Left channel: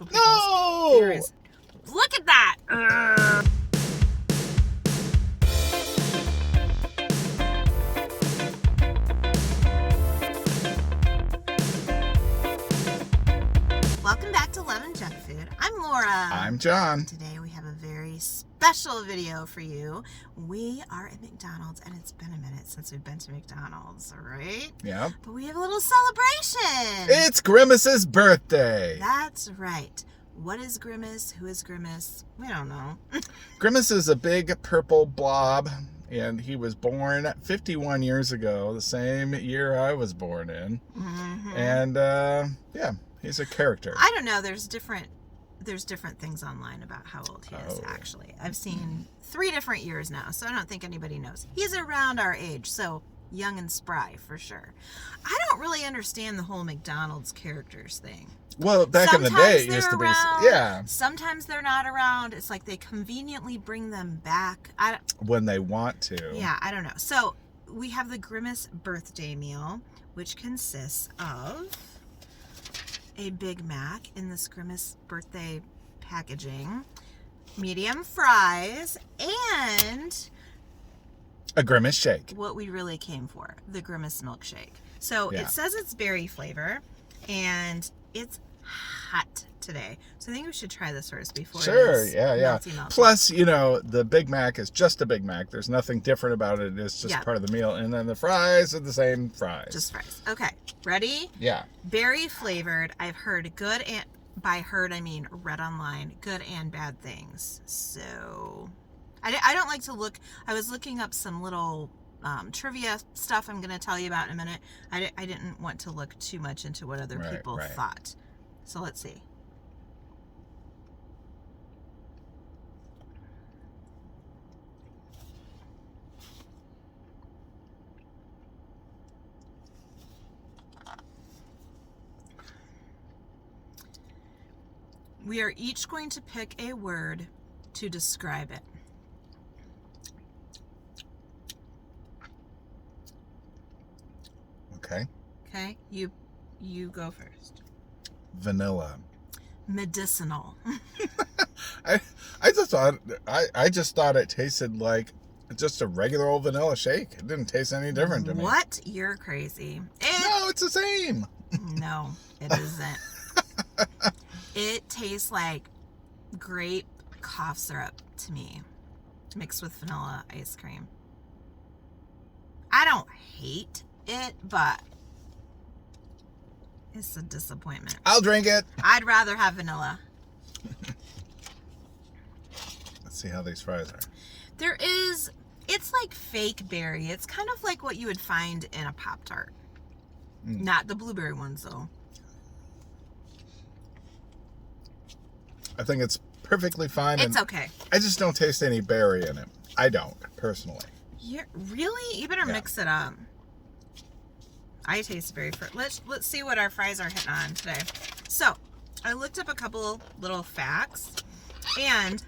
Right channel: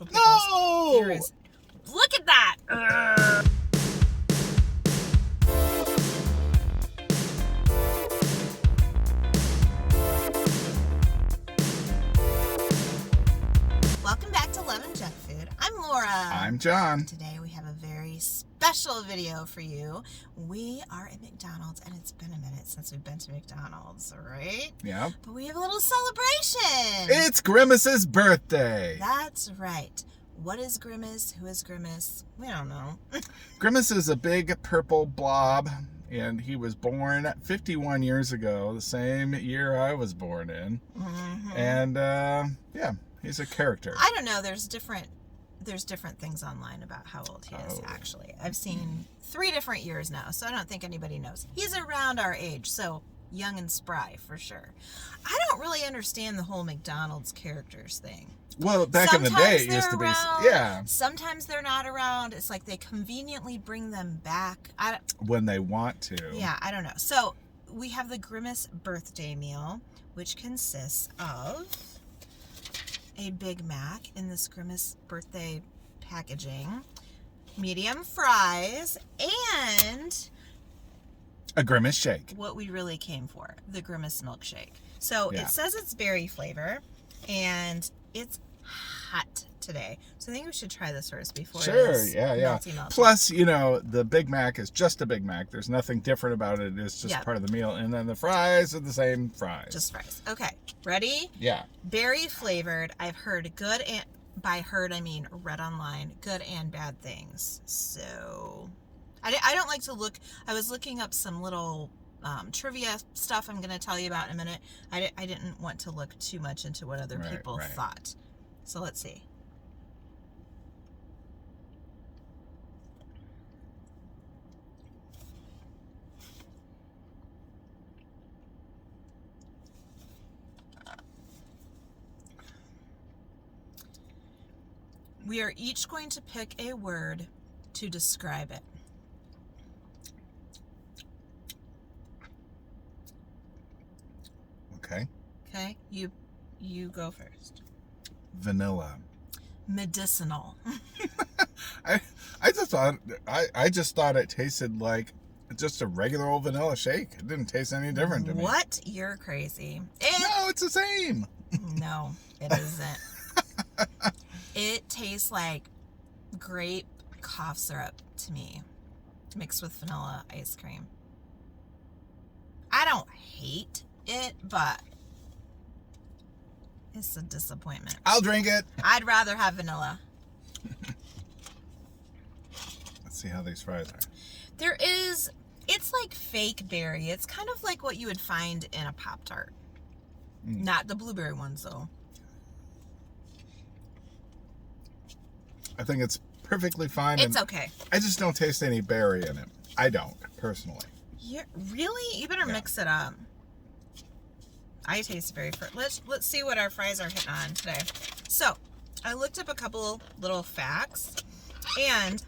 actual people's theories. Look at that! Welcome back to Lemon Junk Food. I'm Laura. I'm John. Today we have a very special video for you. We are at McDonald's, and it's been a minute since we've been to McDonald's, right? Yeah. But we have a little celebration. It's Grimace's birthday. That's right. What is Grimace? Who is Grimace? We don't know. Grimace is a big purple blob, and he was born 51 years ago, the same year I was born in. Mm-hmm. And, yeah, he's a character. I don't know. There's different things online about how old he is, actually. I've seen 3 different years now, so I don't think anybody knows. He's around our age, so young and spry for sure. I don't really understand the whole McDonald's characters thing. Well, back in the day, it used to be, yeah. Sometimes they're not around. It's like they conveniently bring them back. When they want to. Yeah, I don't know. So we have the Grimace birthday meal, which consists of a Big Mac in this Grimace birthday packaging, medium fries, and A Grimace Shake. what we really came for, the Grimace milkshake. So Yeah. it says it's berry flavor, and it's hot today. So I think we should try this first before. Sure, this yeah. melty. Plus, you know, the Big Mac is just a Big Mac. There's nothing different about it. It's just part of the meal. And then the fries are the same fries. Just fries. Okay, ready? Yeah. Berry flavored. I've heard good, and by heard I mean read online, good and bad things. So I don't like to look. I was looking up some little trivia stuff I'm going to tell you about in a minute. I didn't want to look too much into what other people thought. So let's see. We are each going to pick a word to describe it. Okay. Okay? You go first. Vanilla. Medicinal. I just thought it tasted like just a regular old vanilla shake. It didn't taste any different to me. What? You're crazy. No, it's the same. No, it isn't. It tastes like grape cough syrup to me, mixed with vanilla ice cream. I don't hate it, but it's a disappointment. I'll drink it. I'd rather have vanilla. Let's see how these fries are. It's like fake berry. It's kind of like what you would find in a Pop-Tart. Not the blueberry ones, though. I think it's perfectly fine. It's okay. I just don't taste any berry in it. I don't, personally. Really? You better mix it up. I taste very fruit. Let's see what our fries are hitting on today. So, I looked up a couple little facts, and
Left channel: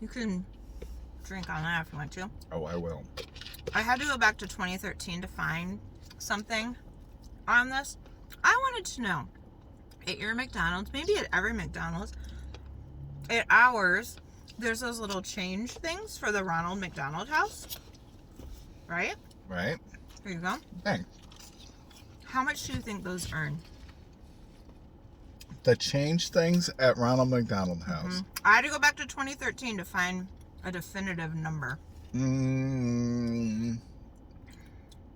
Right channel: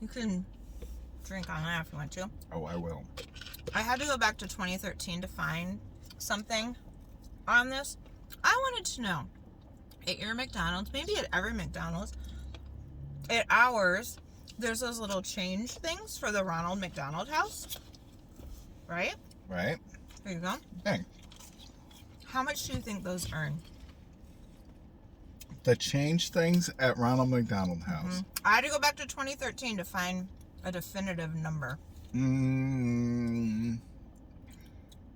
you can drink on that if you want to. Oh, I will. I had to go back to 2013 to find something on this. I wanted to know, at your McDonald's, maybe at every McDonald's, at ours, there's those little change things for the Ronald McDonald House, right? Right. There you go. Dang. How much do you think those earn? The change things at Ronald McDonald House. I had to go back to 2013 to find a definitive number.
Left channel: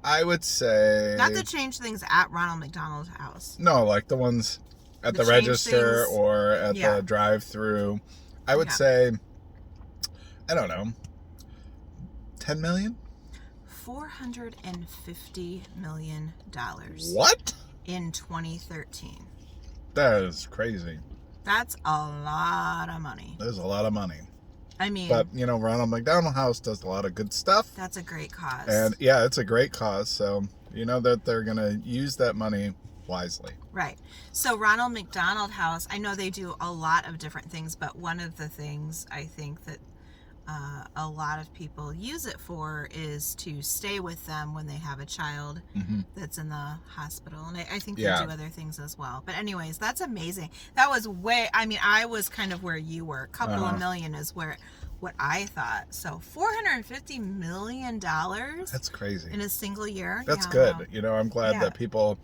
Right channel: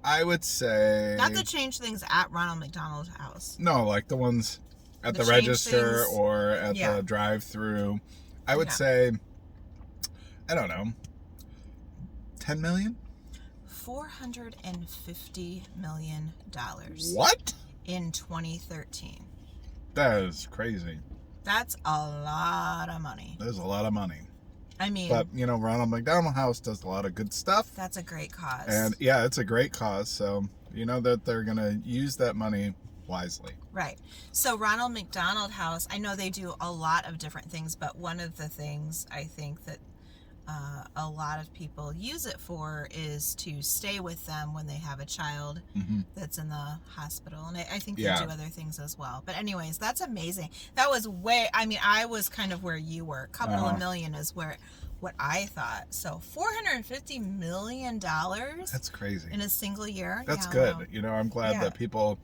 I would say... Not the change things at Ronald McDonald House. No, like the ones at the change register things. or at the drive-thru. I would say, I don't know, 10 million? $450 million. What? In 2013. That is crazy. That's a lot of money. There's a lot of money. I mean, but, you know, Ronald McDonald House does a lot of good stuff. That's a great cause. And, yeah, it's a great cause. So, you know that they're going to use that money wisely. Right. So, Ronald McDonald House, I know they do a lot of different things, but one of the things I think that a lot of people use it for is to stay with them when they have a child that's in the hospital. And I think they do other things as well. But anyways, that's amazing. That was I was kind of where you were. A couple of million is what I thought. So $450 million. That's crazy. In a single year. That's good. Wow. I'm glad that people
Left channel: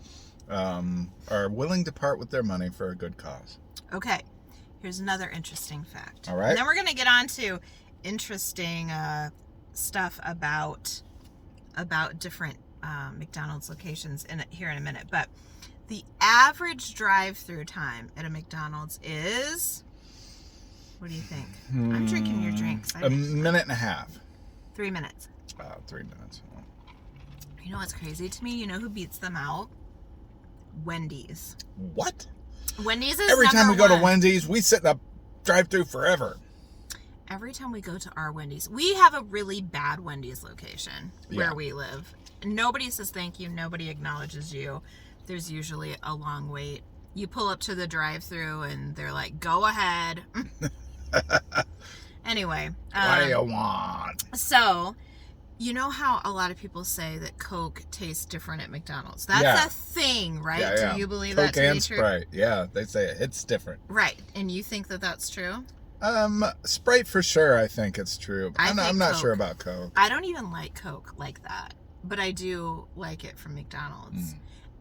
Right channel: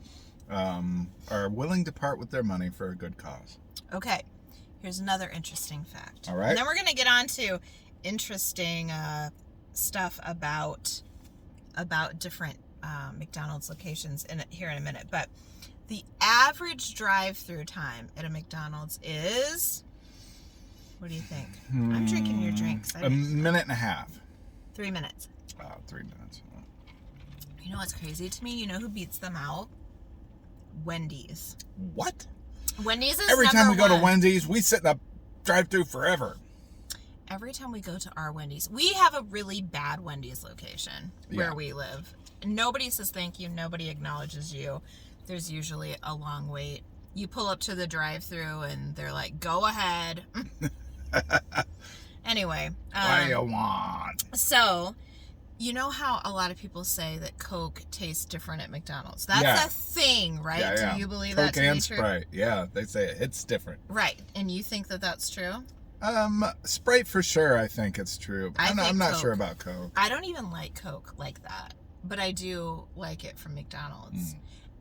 are willing to part with their money for a good cause. Okay. Here's another interesting fact. All right. And then we're going to get on to interesting stuff about different McDonald's locations here in a minute. But the average drive-through time at a McDonald's is, what do you think? I'm drinking your drinks. A minute and a half. 3 minutes. 3 minutes. Oh. You know what's crazy to me? You know who beats them out? Wendy's. What? Wendy's is every time we number go one. to Wendy's, we sit in a drive-through forever. Every time we go to our Wendy's, we have a really bad Wendy's location where we live. Nobody says thank you. Nobody acknowledges you. There's usually a long wait. You pull up to the drive-through and they're like, go ahead. Anyway. What do you want? So, you know how a lot of people say that Coke tastes different at McDonald's? That's a thing, right? Yeah. Do you believe Coke that to be and true? Sprite. Yeah, they say it's different. Right. And you think that that's true? Sprite for sure. I think it's true. I'm not sure about Coke. I don't even like Coke like that, but I do like it from McDonald's.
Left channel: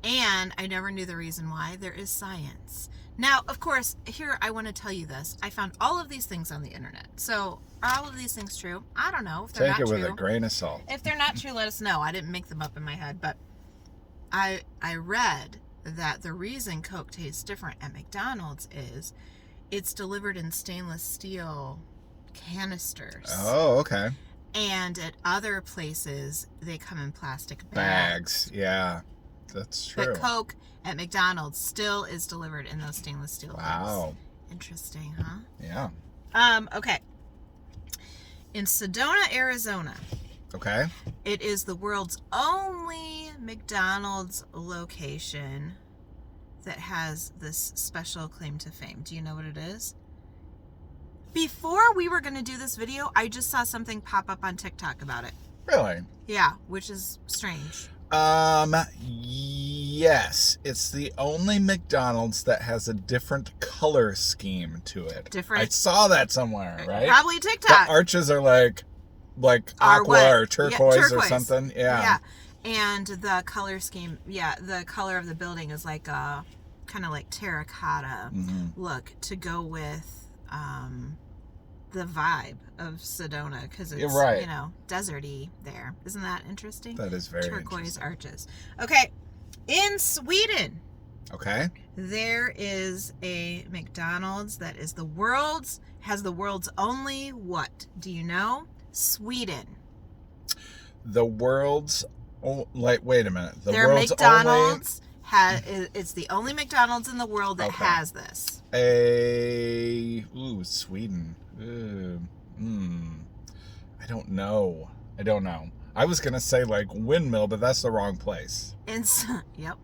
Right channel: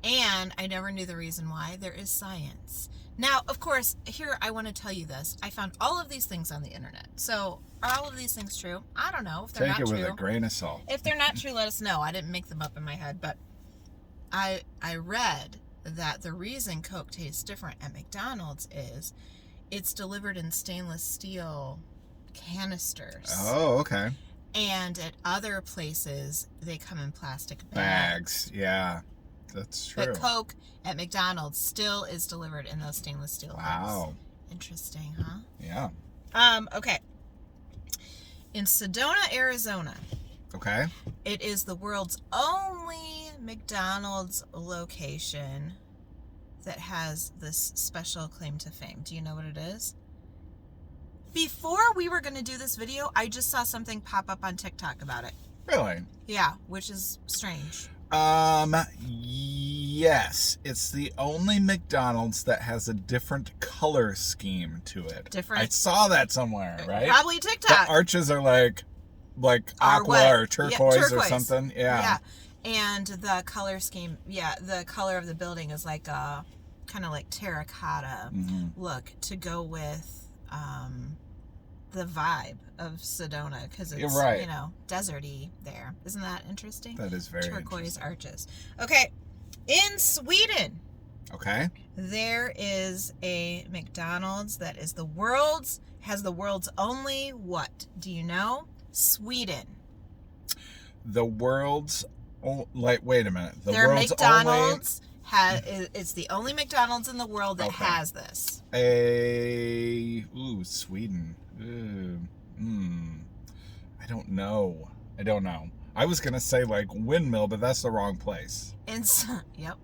And I never knew the reason why. There is science. Now, of course, here I want to tell you this. I found all of these things on the internet. So, are all of these things true? I don't know. If they're Take not it with true, a grain of salt. If they're not true, let us know. I didn't make them up in my head, but I read that the reason Coke tastes different at McDonald's is it's delivered in stainless steel canisters. Oh, okay. And at other places, they come in plastic Bags. Yeah, that's true. But Coke at McDonald's still is delivered in those stainless steel bags. Wow. Interesting, huh? Yeah. Okay. In Sedona, Arizona. Okay. It is the world's only McDonald's location that has this special claim to fame. Do you know what it is? Before we were going to do this video, I just saw something pop up on TikTok about it. Really? Yeah, which is strange. Yes. It's the only McDonald's that has a different color scheme to it. Different? I saw that somewhere, right? Probably TikTok. The arches are like aqua or turquoise or something. Yeah. And the color scheme, the color of the building is like a kind of like terracotta look to go with the vibe of Sedona, because it's deserty there. Isn't that interesting? That is very turquoise interesting. arches. Okay, in Sweden, there is a McDonald's that is has the world's only what? Do you know? Sweden. The world's wait a minute. The Their world's McDonald's it's the only McDonald's in the world that has this. Sweden. I don't know. I was gonna say like windmill, but that's the wrong place. Yep.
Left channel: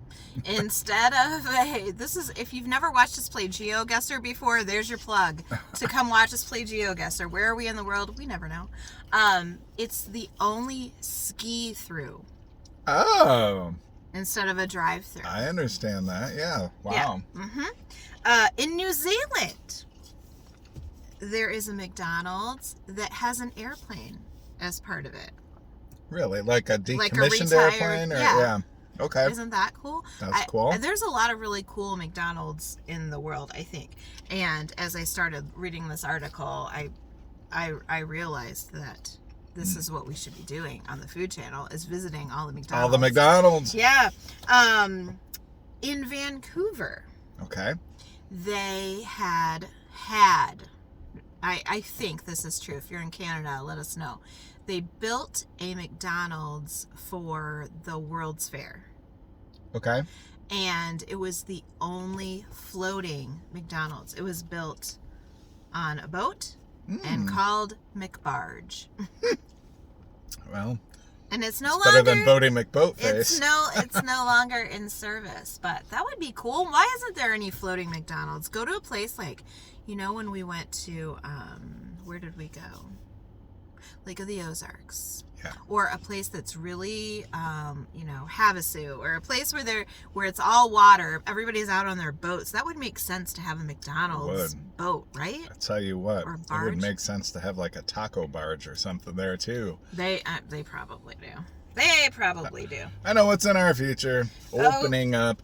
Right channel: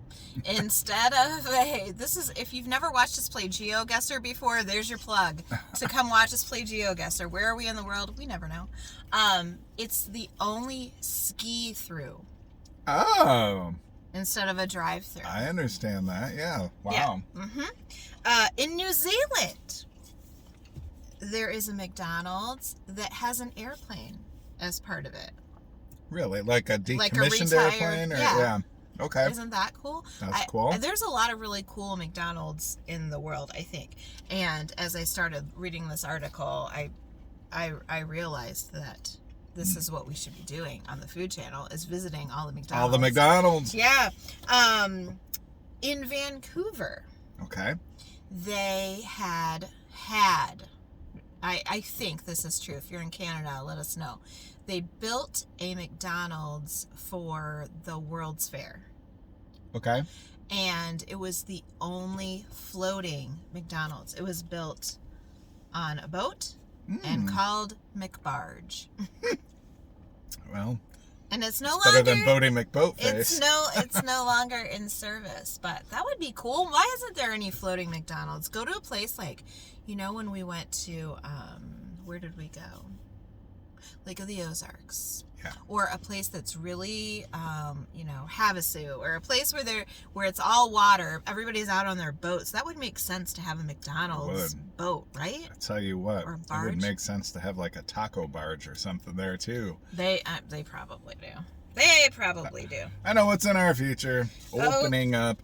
Instead of if you've never watched us play GeoGuessr before, there's your plug to come watch us play GeoGuessr. Where are we in the world? We never know. It's the only ski through. Oh. Instead of a drive-through. I understand that. Yeah. Wow. Yeah. In New Zealand, there is a McDonald's that has an airplane as part of it. Really? Like a decommissioned airplane? Yeah. Okay. Isn't that cool? That's cool. There's a lot of really cool McDonald's in the world, I think. And as I started reading this article, I realized that this is what we should be doing on the Food Channel, is visiting all the McDonald's. All the McDonald's. Yeah. In Vancouver. Okay. They had I think this is true. If you're in Canada, let us know. They built a McDonald's for the World's Fair. Okay. And it was the only floating McDonald's. It was built on a boat and called McBarge. Well, and it's no better than Bodie McBoatface. It's no longer in service, but that would be cool. Why isn't there any floating McDonald's? Go to a place like, when we went to where did we go? Lake of the Ozarks. Yeah. Or a place that's really, Havasu, or a place where it's all water. Everybody's out on their boats. That would make sense to have a McDonald's boat, right? I tell you what, Or it barge. would make sense to have like a taco barge or something there too. They probably do. They probably do. I know what's in our future. Opening up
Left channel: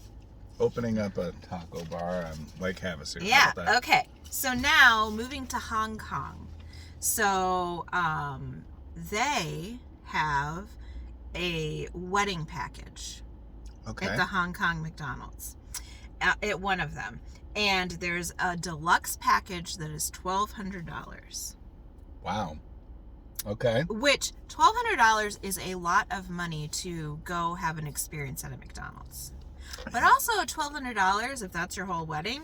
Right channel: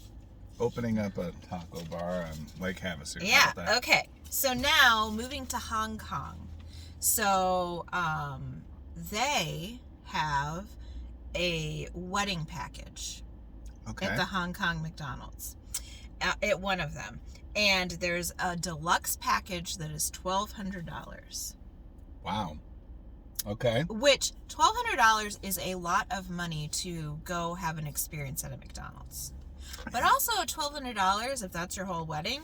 a taco bar on Lake Havasu. Yeah. Okay. So now moving to Hong Kong. So they have a wedding package at the Hong Kong McDonald's, at one of them, and there's a deluxe package that is $1,200. Wow. Okay. Which $1,200 is a lot of money to go have an experience at a McDonald's. But also $1,200, if that's your whole wedding,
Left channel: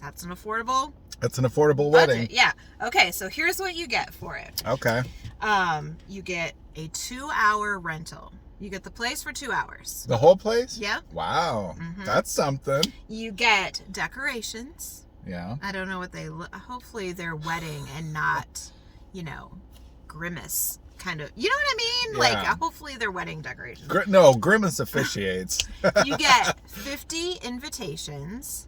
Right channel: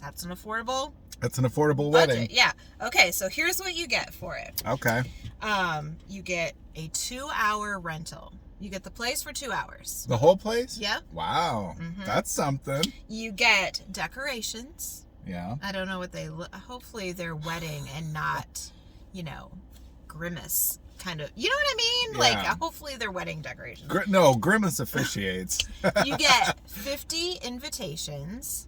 that's an affordable. That's an affordable wedding. Yeah. Okay, so here's what you get for it. Okay. You get a 2-hour rental. You get the place for 2 hours. The whole place? Yep. Wow. Mm-hmm. That's something. You get decorations. Yeah. I don't know what they look. Hopefully they're wedding and not, Grimace kind of. You know what I mean? Yeah. Like, hopefully they're wedding decorations. No, Grimace officiates. You get 50 invitations.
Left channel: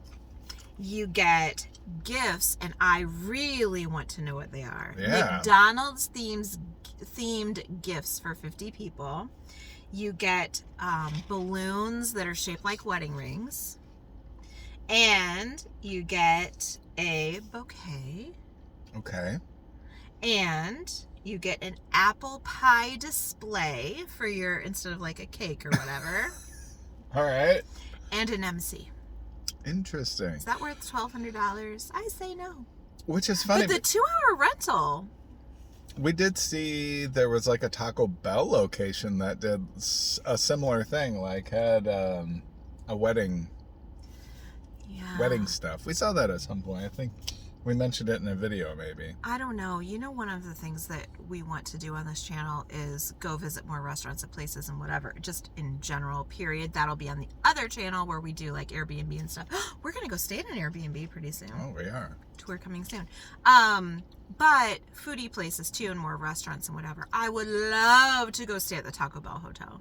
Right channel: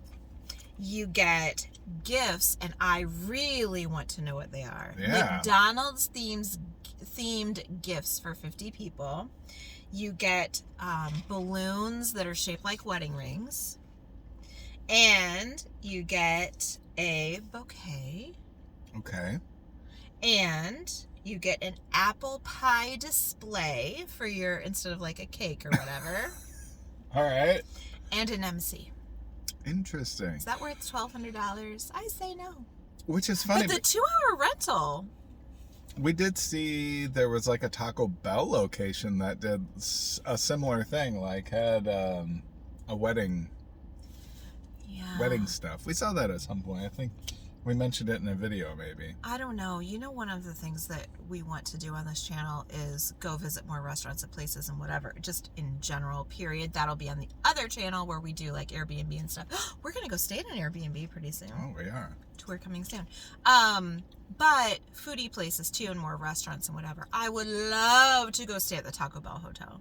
You get gifts, and I really want to know what they are. Yeah. McDonald's themed gifts for 50 people. You get balloons that are shaped like wedding rings. And you get a bouquet. Okay. And you get an apple pie display for your, instead of like a cake or whatever. All right. And an MC. Interesting. Is that worth $1,200? I say no. Which is funny. But the 2-hour rental. We did see there was like a Taco Bell location that did a similar thing, like had a wedding stuff. We saw that at some point. I think we mentioned it in a video, maybe. I don't know. One of the things that we want to do on this channel is go visit more restaurants and places and whatever, just in general, period. That'll be on the other channel where we do like Airbnb and stuff. We're going to go stay in an Airbnb pretty soon. Oh, we are. Tour coming soon. But foodie places too, and more restaurants and whatever. I would love to go stay at the Taco Bell Hotel.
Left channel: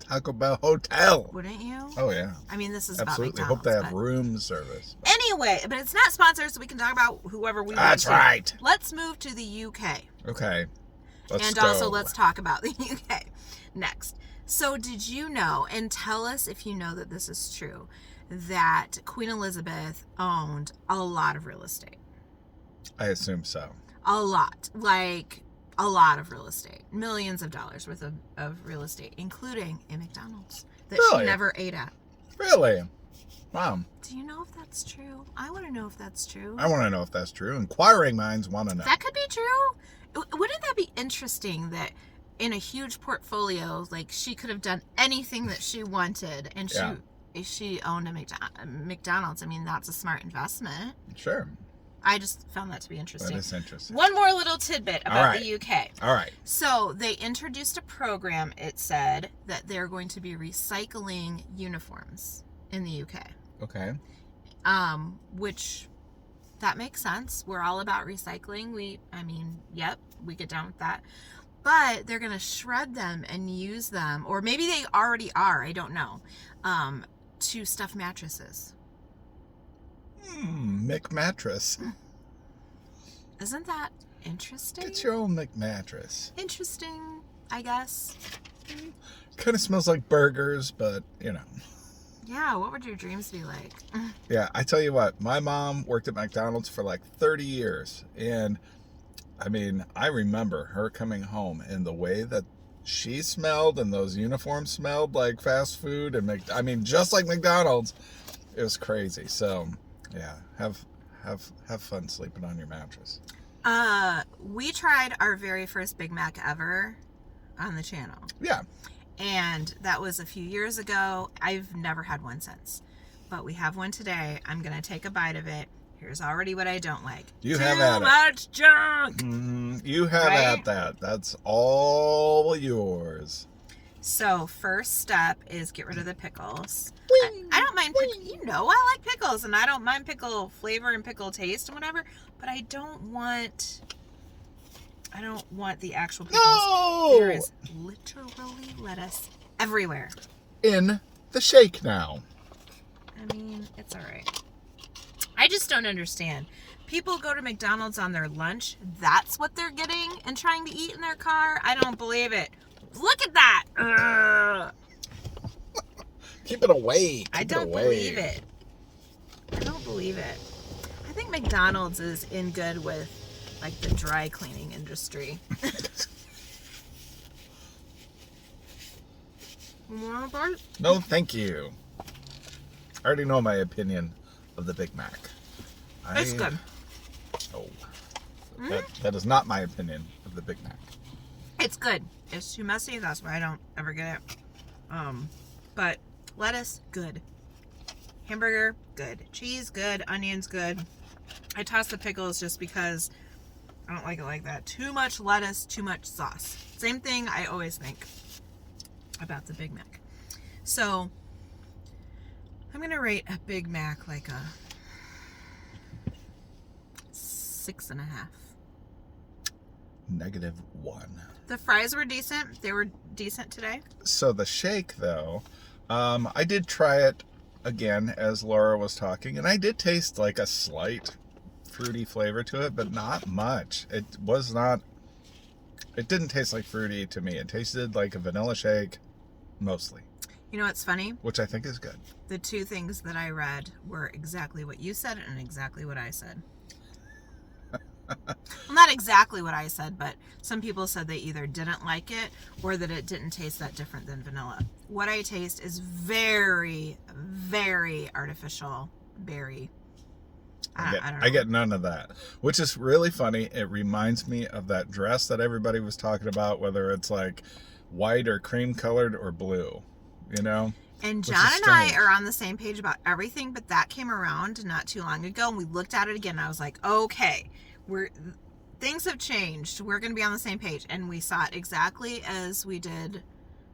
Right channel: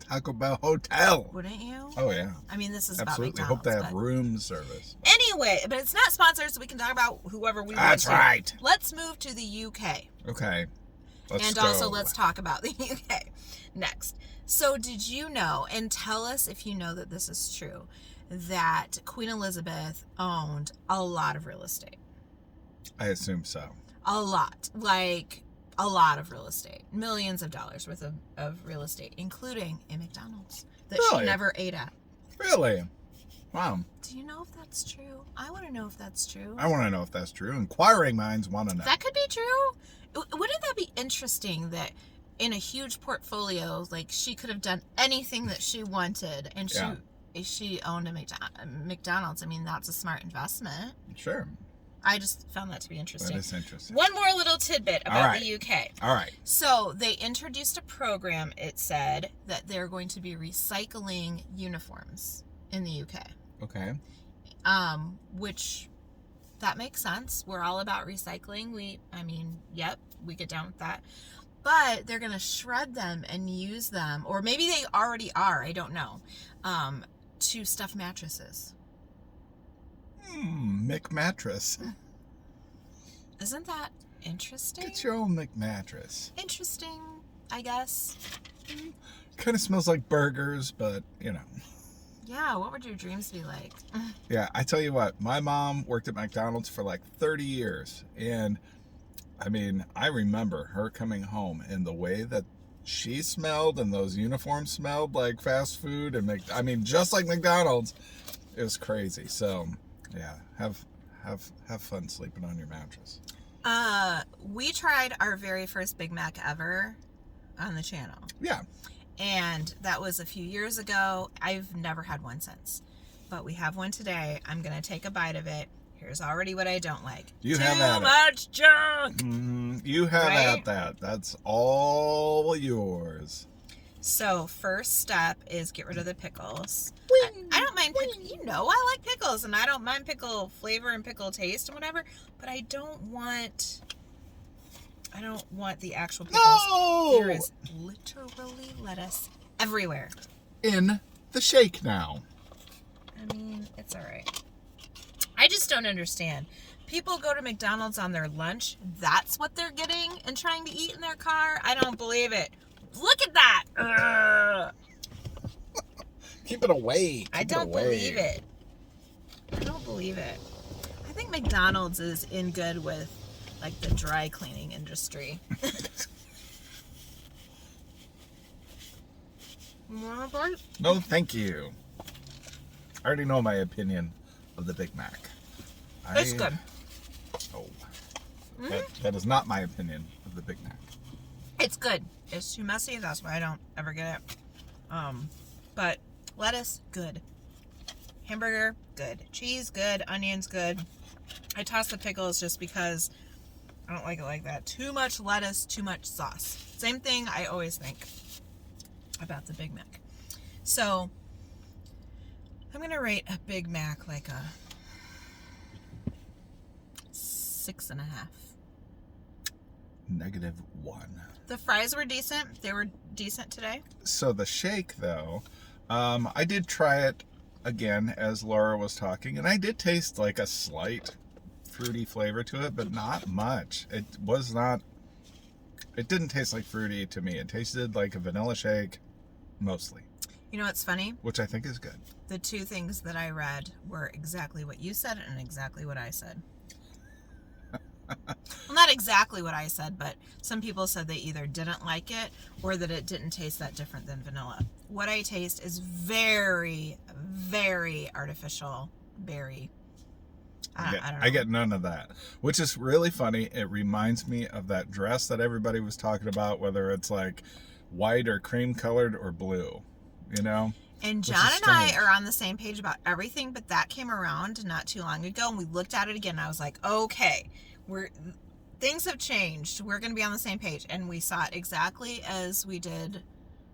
Taco Bell Hotel. Wouldn't you? Oh, yeah. I mean, this is absolutely. about Hope they McDonald's, have room service. Anyway, but it's not sponsored, so we can talk about whoever we want. That's right. Let's move to the UK. Okay. Let's go. Also, let's talk about the UK next. So, did you know, and tell us if you know that this is true, that Queen Elizabeth owned a lot of real estate? I assume so. A lot. Like, a lot of real estate. Millions of dollars worth of real estate, including a McDonald's that Really? she never ate at. Really? Wow. Do you know if that's true? I want to know if that's true. I want to know if that's true. Inquiring minds want to know. That could be true. Wouldn't that be interesting that in a huge portfolio, like, she could have done anything that she wanted, and she owned a McDonald's? I mean, that's a smart investment. Sure. I just found that to be interesting. That is interesting. One more little tidbit about the UK. All right. So they introduced a program, it said, that they're going to be recycling uniforms in the UK. Okay. Which, that makes sense. We're all about recycling. We get down with that. But they're going to shred them and use them, or maybe they already are, I don't know, to stuff mattresses. McMattress. Isn't that interesting? Get your own McMattress. Interesting, I guess. Kind of smells like burgers, but, Yeah, what would your dreams be like? Yeah, I tell you what, my mom worked at McDonald's for like 30 years. And, I mean, I remember her coming home and the way that she smelled and those uniforms smelled like fast food and just like McDonald's. It was crazy. So, yeah, have fun sleeping on your mattress. We tried our very first Big Mac ever on the channel. Yeah. And that was a few years ago. I've never had one since. But we have one today. I'm going to take a bite of it. Here's already what I don't like. You have at it. Too much junk. You have at that. That's all yours. So first step is get rid of the pickles. Wing, I don't mind pickles. I like pickles, and I don't mind pickle flavor and pickle taste and whatever. But I don't want I don't want the actual pickles. No! There is literally lettuce everywhere. In the shake now. I mean, it's all right. I just don't understand. People go to McDonald's on their lunch. That's what they're getting and trying to eat in their car. I don't believe it. Look at that. Keep it away. I don't believe it. I don't believe it. I think McDonald's is in good with like the dry cleaning industry. You want a bite? No, thank you. I already know my opinion of the Big Mac. It's good. Oh, that is not my opinion of the Big Mac. It's good. It's too messy. That's why I don't ever get it. But lettuce, good. Hamburger, good. Cheese, good. Onions, good. I toss the pickles just because I don't like it like that. Too much lettuce, too much sauce. Same thing I always think about the Big Mac. So I'm gonna rate a Big Mac like a 6.5. -1. The fries were decent. They were decent today. So the shake, though, I did try it again as Laura was talking, and I did taste like a slight fruity flavor to it, but not much. It didn't taste like fruity to me. It tasted like a vanilla shake, mostly. You know what's funny? Which I think is good. The two things that I read were exactly what you said and exactly what I said. Well, not exactly what I said, but some people said they either didn't like it or that it didn't taste that different than vanilla. What I taste is very, very artificial berry. I don't know. I get none of that, which is really funny. It reminds me of that dress that everybody was talking about, whether it's like white or cream colored or blue, you know? And John and I are on the same page about everything, but that came around not too long ago, and we looked at it again, and I was like, okay, things have changed. We're going to be on the same page. And we saw it exactly as we did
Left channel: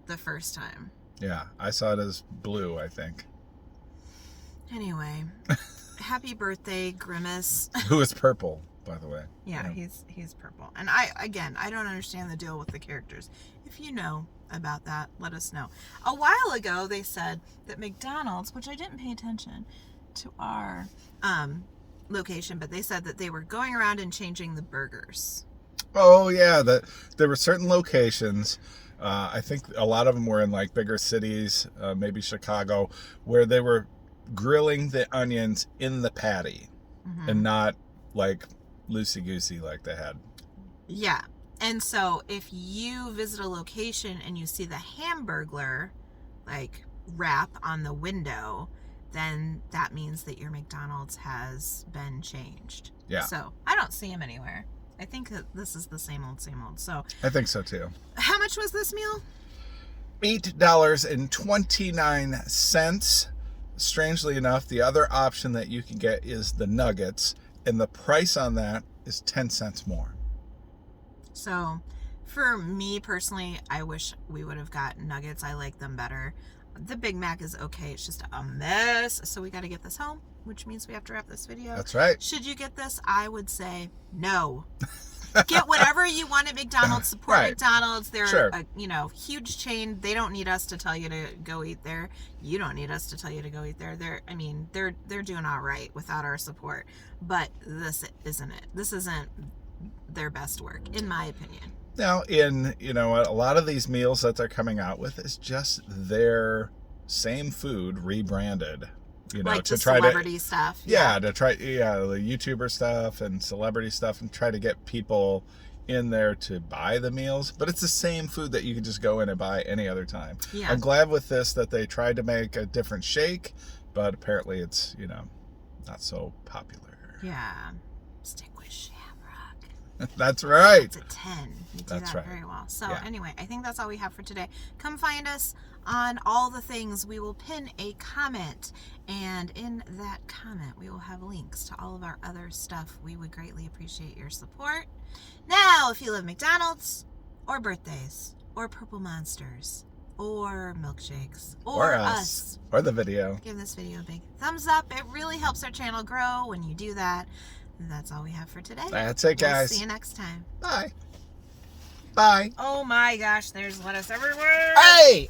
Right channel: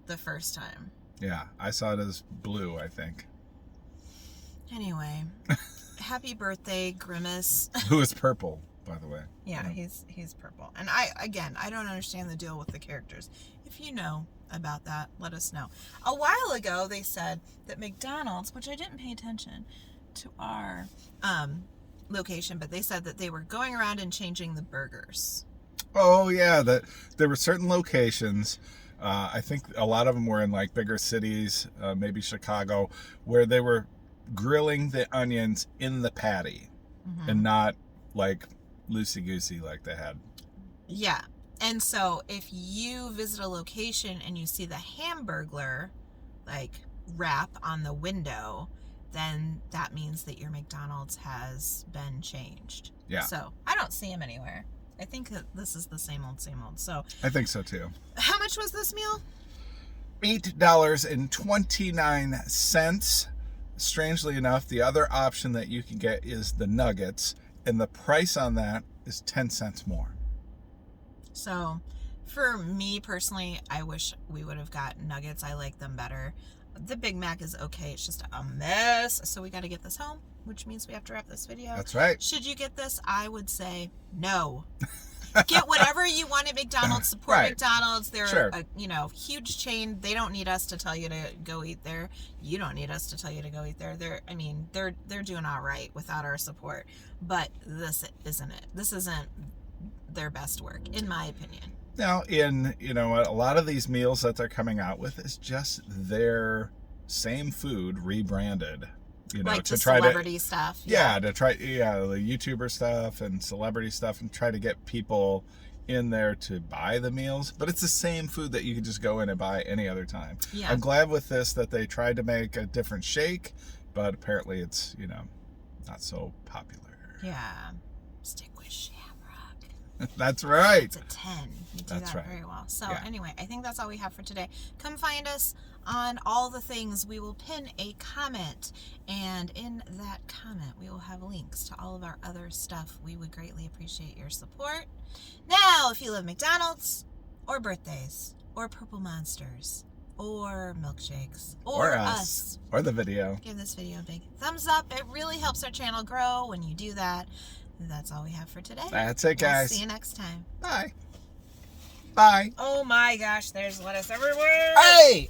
the first time. Yeah, I saw it as blue, I think. Anyway, happy birthday, Grimace. Who is purple, by the way. Yeah, he's purple. And I don't understand the deal with the characters. If you know about that, let us know. A while ago, they said that McDonald's, which I didn't pay attention to our location, but they said that they were going around and changing the burgers. Oh yeah, that there were certain locations. I think a lot of them were in like bigger cities, maybe Chicago, where they were grilling the onions in the patty and not like loosey-goosey like they had. Yeah. And so if you visit a location and you see the Hamburglar like wrap on the window, then that means that your McDonald's has been changed. Yeah. So I don't see them anywhere. I think that this is the same old, same old. So I think so too. How much was this meal? $8.29. Strangely enough, the other option that you can get is the nuggets, and the price on that is 10 cents more. So for me personally, I wish we would have got nuggets. I like them better. The Big Mac is okay. It's just a mess. So we got to get this home, which means we have to wrap this video. That's right. Should you get this? I would say no. Get whatever you want at McDonald's. Support McDonald's. They're a huge chain. They don't need us to tell you to go eat there. You don't need us to tell you to go eat there. They're doing all right without our support. But this isn't it. This isn't their best work, in my opinion. Now, a lot of these meals that they're coming out with is just their same food rebranded. Like to try celebrity stuff. The YouTuber stuff and celebrity stuff, and try to get people in there to buy the meals. But it's the same food that you can just go in and buy any other time. Yeah. I'm glad with this that they tried to make a different shake, but apparently it's, not so popular. Yeah. Stick with Shamrock. That's right. It's a 10. You do that very well. So anyway, I think that's all we have for today. Come find us on all the things. We will pin a comment, and in that comment we will have links to all of our other stuff. We would greatly appreciate your support. Now, if you love McDonald's or birthdays or purple monsters or milkshakes or us or the video, give this video a big thumbs up. It really helps our channel grow when you do that. That's all we have for today. That's it, guys. We'll see you next time. Bye. Bye. Oh my gosh, there's lettuce everywhere. Hey!